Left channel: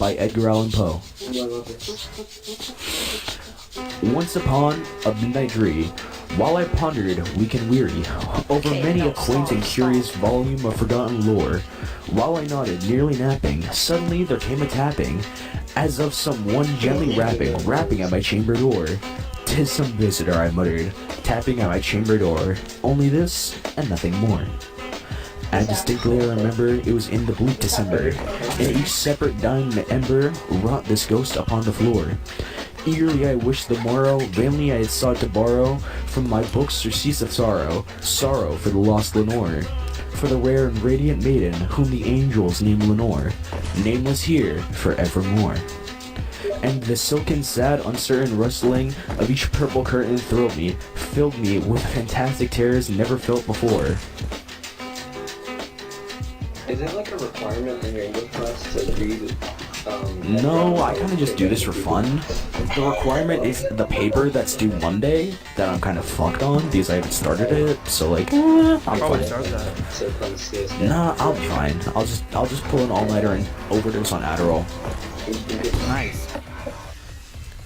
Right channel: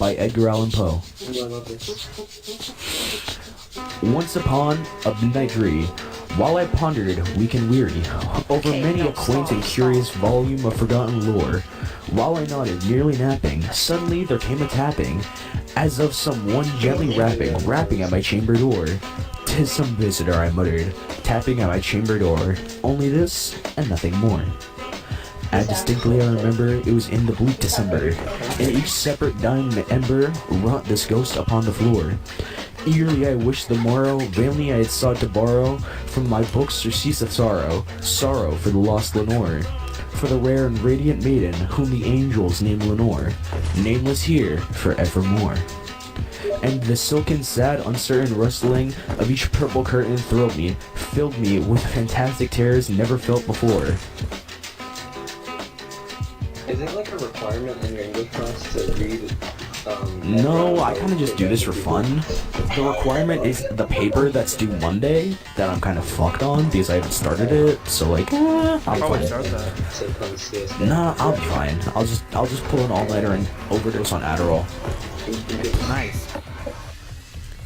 by Edgar Allan Poe. Once upon a midnight dream, while I pondered, weak and weary, over many a quaint and curious volume of forgotten lore, while I nodded, nearly napping, suddenly there came a tapping, as of some one gently rapping at my chamber door. "'Tis some visitor," I muttered, tapping at my chamber door, only this and nothing more. As distinctly I remember, it was in the bleak December, and each separate dying ember wrought this ghost upon the floor. Eagerly I wished the morrow, vainly I had sought to borrow from my books surcease of sorrow, sorrow for the lost Lenore, for the rare and radiant maiden whom the angels name Lenore, nameless here forevermore. And the silken, sad, uncertain rustling of each purple curtain thrilled me, filled me with fantastic terrors never felt before. Is it like a requirement in your English class to read? No, I kind of just do this for fun. The requirement is the paper that's due Monday that I'm kind of fucked on because I haven't started it. So like, I'll probably start that. Nah, I'll be fine. I'll just pull an all-nighter and overdose on Adderall. Nice.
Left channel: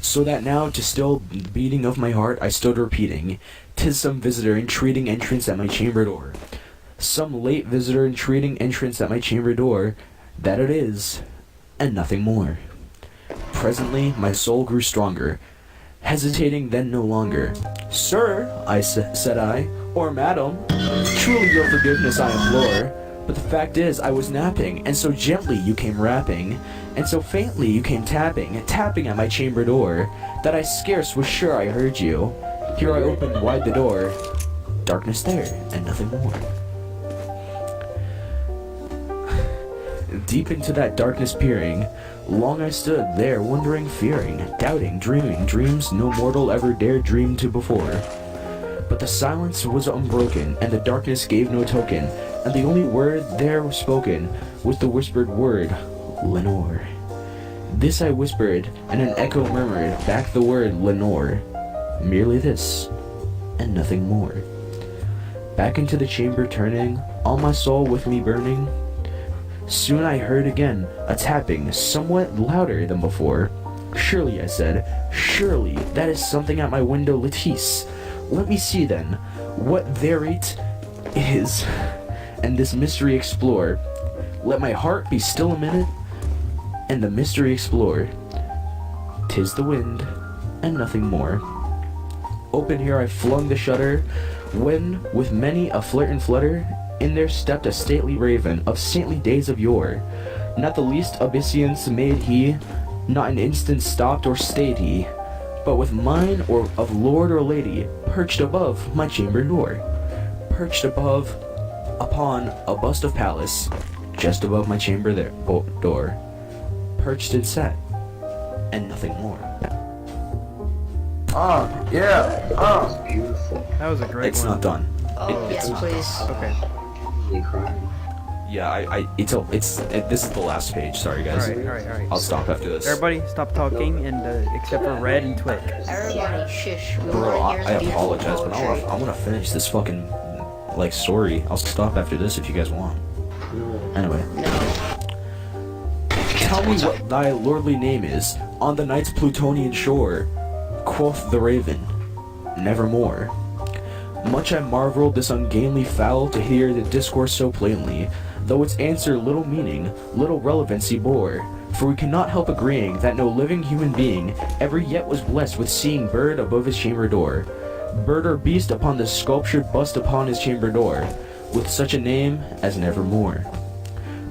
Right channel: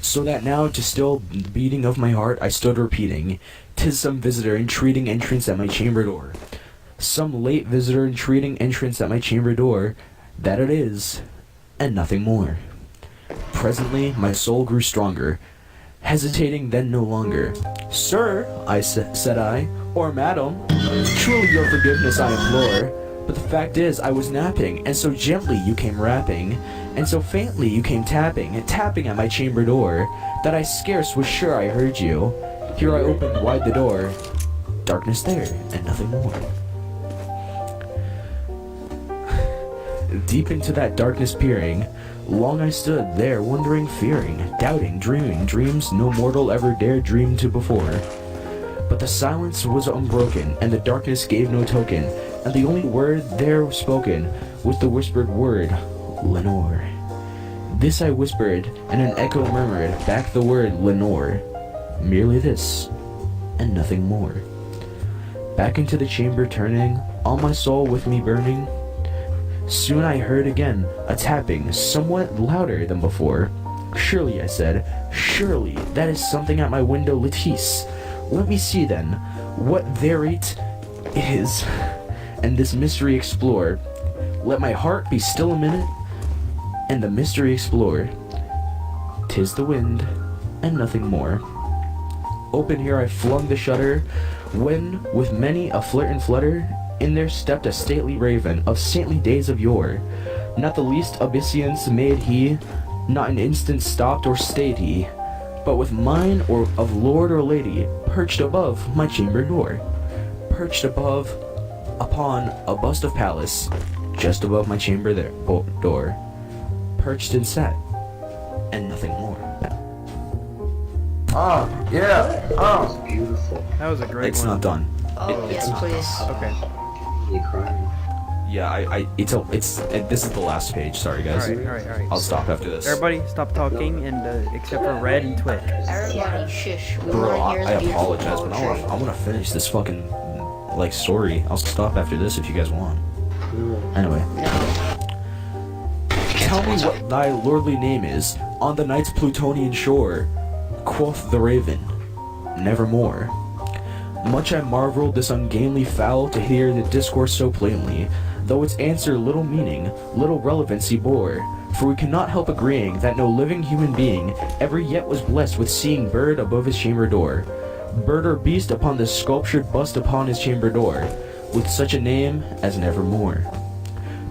So that now, to still the beating of my heart, I stood repeating, "'Tis some visitor entreating entrance at my chamber door. Some late visitor entreating entrance at my chamber door, that it is, and nothing more." Presently, my soul grew stronger, hesitating then no longer. "Sir," said I, "or madam, truly your forgiveness I implore. But the fact is, I was napping, and so gently you came rapping, and so faintly you came tapping at my chamber door, that I scarce was sure I heard you. Here I opened wide the door, darkness there, and nothing more." Deep into that darkness peering, long I stood there wondering, fearing, doubting, dreaming dreams no mortal ever dared dream to before. But the silence was unbroken, and the darkness gave no token, and the only word there spoken was the whispered word, "Lenore." This I whispered, and an echo murmured back the word "Lenore." Merely this, and nothing more. Back into the chamber turning, all my soul with me burning, soon I heard again a tapping, somewhat louder than before. "Surely," I said, "surely that is something at my window lattice. Let me see then, what thereat is, and this mystery explore. Let my heart be still a minute, and the mystery explore. 'Tis the wind, and nothing more." Open here I flung the shutter, when, with many a flirt and flutter, in there stepped a stately raven of saintly days of yore. Not the least obeisance made he, not an instant stopped or stayed he, but with mine or of lord or lady, perched above my chamber door. Perched above, upon a bust of Pallas, just above my chamber door. Perched and sat, and nothing more. That was beautiful. That was a great It's one. not done. Yes, please. Okay. You crying? Yeah, this is the last page. Sorry, guys. Alright. I'll stop after this. Everybody, stop talking, and except for Red and Twicc. Everybody, shush. We Bro, wanna hear I the beautiful apologize, but poetry. I want to finish this fucking, story. I'll stop after this if you guys want. Anyway. No. "Tell me what thy lordly name is, on the night's Plutonian shore," quoth the raven, "nevermore." Much I marveled this ungainly fowl to hear the discourse so plainly, though its answer little meaning, little relevancy bore. For we cannot help agreeing that no living human being ever yet was blessed with seeing bird above his chamber door, bird or beast upon the sculptured bust upon his chamber door, with such a name as Nevermore.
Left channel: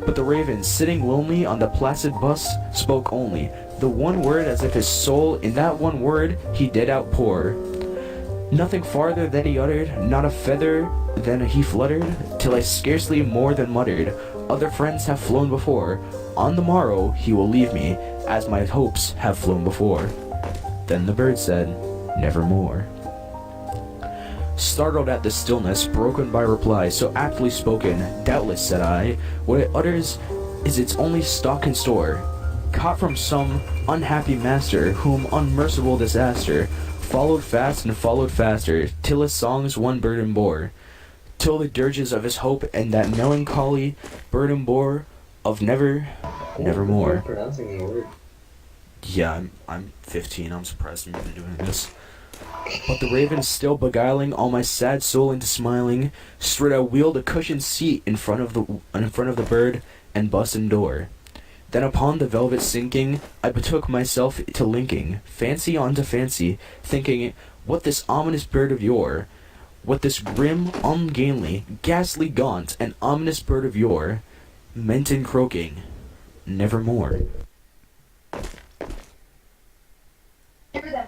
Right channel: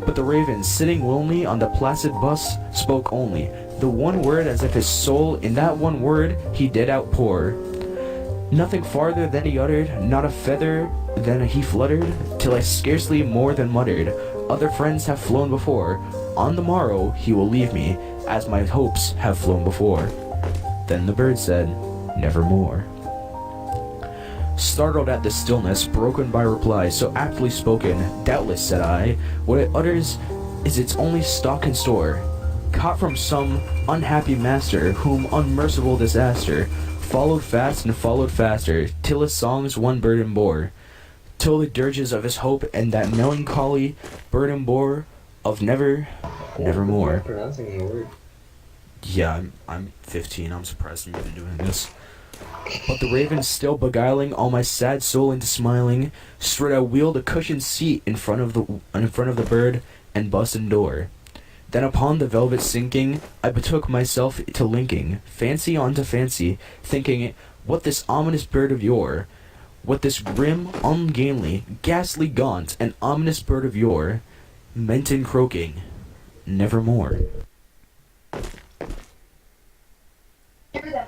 But the raven, sitting lonely on the placid bust, spoke only the one word, as if his soul in that one word he did outpour. Nothing farther than he uttered, not a feather than he fluttered, till I scarcely more than muttered, "Other friends have flown before, on the morrow he will leave me, as my hopes have flown before." Then the bird said, "Nevermore." Startled at the stillness, broken by reply so aptly spoken, "Doubtless," said I, "what it utters is its only stock and store, caught from some unhappy master, whom unmerciful disaster followed fast and followed faster, till his songs one burden bore, till the dirges of his hope and that melancholy burden bore of never nevermore. Pronouncing the word. Yeah, I'm 15. I'm surprised I'm even doing this. But the raven, still beguiling all my sad soul into smiling, straight I wheeled a cushioned seat in front of the bird and bustin' door. Then upon the velvet sinking, I betook myself to linking fancy onto fancy, thinking, what this ominous bird of yore, what this grim, ungainly, ghastly, gaunt, and ominous bird of yore meant in croaking, nevermore.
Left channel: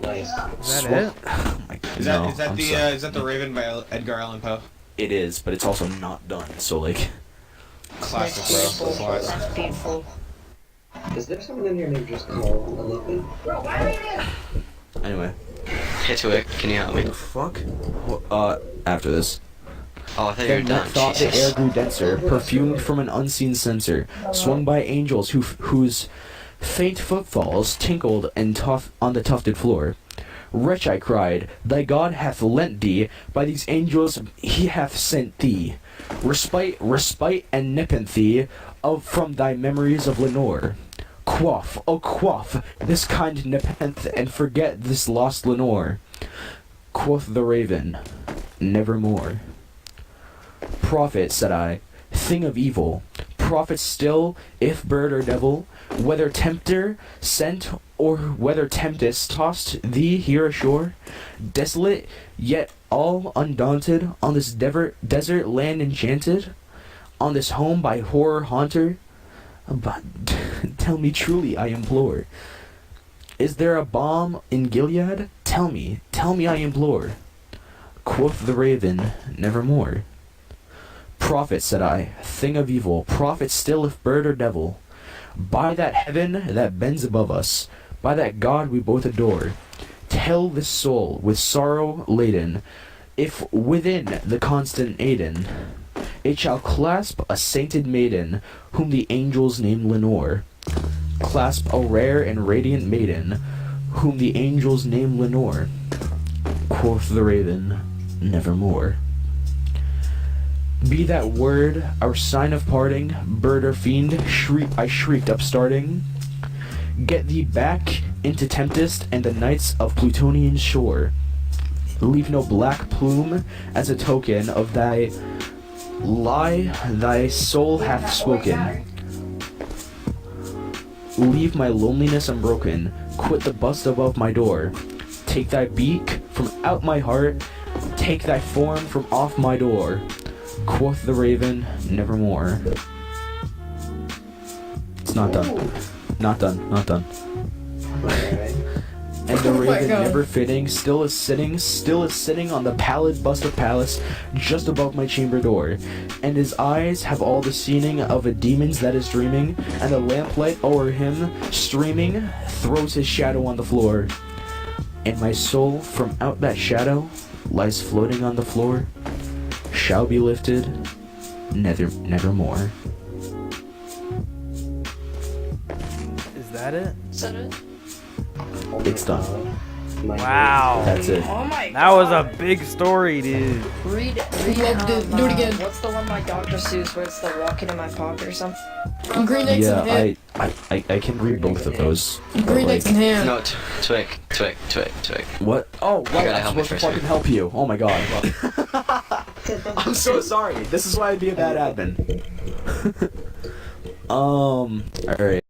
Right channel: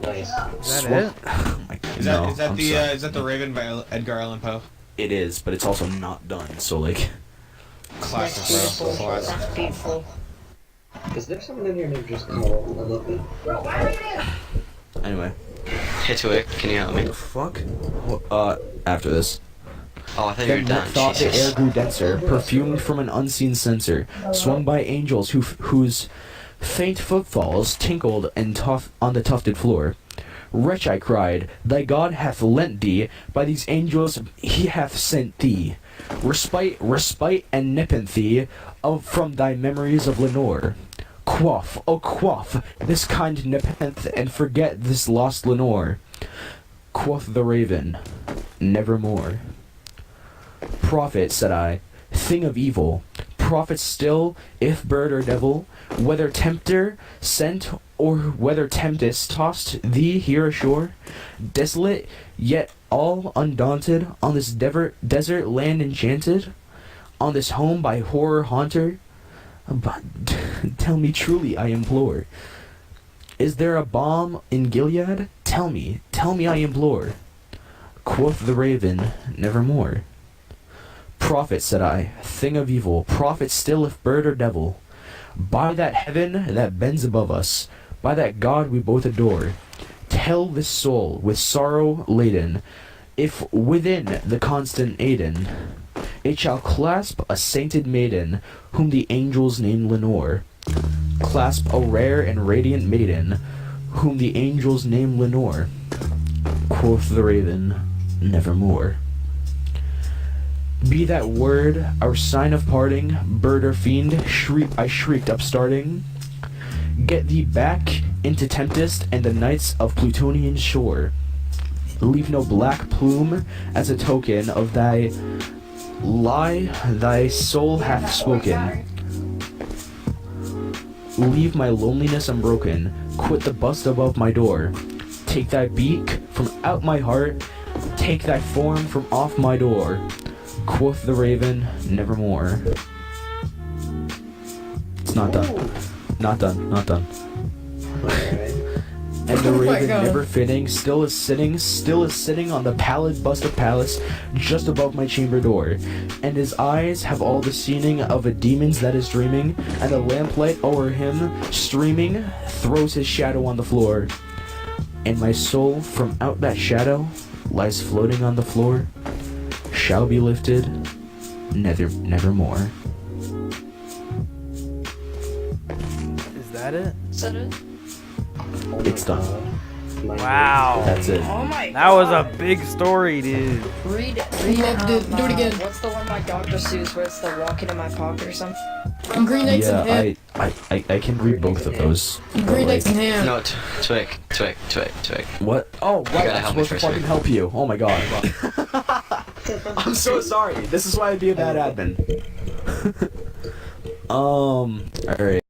Nice. Is that it? Oh my God. Is No, that I'm the sorry. is that the Raven by Edgar Allan Poe? It is, but it's also not done. So like, Classic, That's bro. beautiful. Classic. That's beautiful. Is there someone in here named just called Olympian? anyway. Hey Twicc, can you help me? What the fuck? After this. Oh, I thought you were Then done. that thought the air Jesus. grew denser, perfumed from an unseen censer, swung by angels whose faint footfalls tinkled and on the tufted floor. Wretch, I cried, thy God hath lent thee, by these angels he hath sent thee, respite and nepenthe from thy memories of Lenore. Quaff, oh quaff, this kind nepenthe, and forget this lost Lenore. Quoth the raven, nevermore. Prophet, said I, thing of evil, prophet still, if bird or devil, whether tempter sent or whether tempest tossed thee here ashore, desolate yet all undaunted, on this desert land enchanted, on this home by horror haunter. But tell me truly, I implore, is there a balm in Gilead? Tell me, I implore. Quoth the raven, nevermore. Prophet, said I, thing of evil, prophet still if bird or devil, by that heaven that bends above us, by that God we both adore, tell this soul with sorrow laden, if within the constant Aden it shall clasp a sainted maiden, whom the angels name Lenore. Clasp a rare and radiant maiden, whom the angels name Lenore. Quoth the raven, nevermore. Be that word our sign of parting, bird or fiend, I shrieked upstarting. Get thee back into Tempest and the nights of Plutonian shore. Leave no black plume as a token of thy lie thy soul hath spoken. Leave my loneliness unbroken, quit the bust above my door. Take thy beak from out my heart, take thy form from off my door. Quoth the raven, nevermore. It's not done. Not done. Not done. And the raven, never fitting, still is sitting on the pallid bust of Pallas, just above my chamber door. And his eyes have all the seeing of a demon's that is dreaming, and the lamplight o'er him, streaming, throws his shadow on the floor. And my soul, from out that shadow, lies floating on the floor, shall be lifted, nevermore. Is that it? Is that it? It's done. Wow. That's it. Oh my That was a big story, dude. Read do it again. What's the one by Dr. Seuss where it's the walking in my pocket or something? Green eggs and ham. Yeah, I can read both of those. Green But, eggs and ham. No, Twicc. What? Oh, right. gotta I'm help me supposed to first, fucking dude. help you. Oh my god. I'm so sorry. This is why I'd be a bad admin. Alright.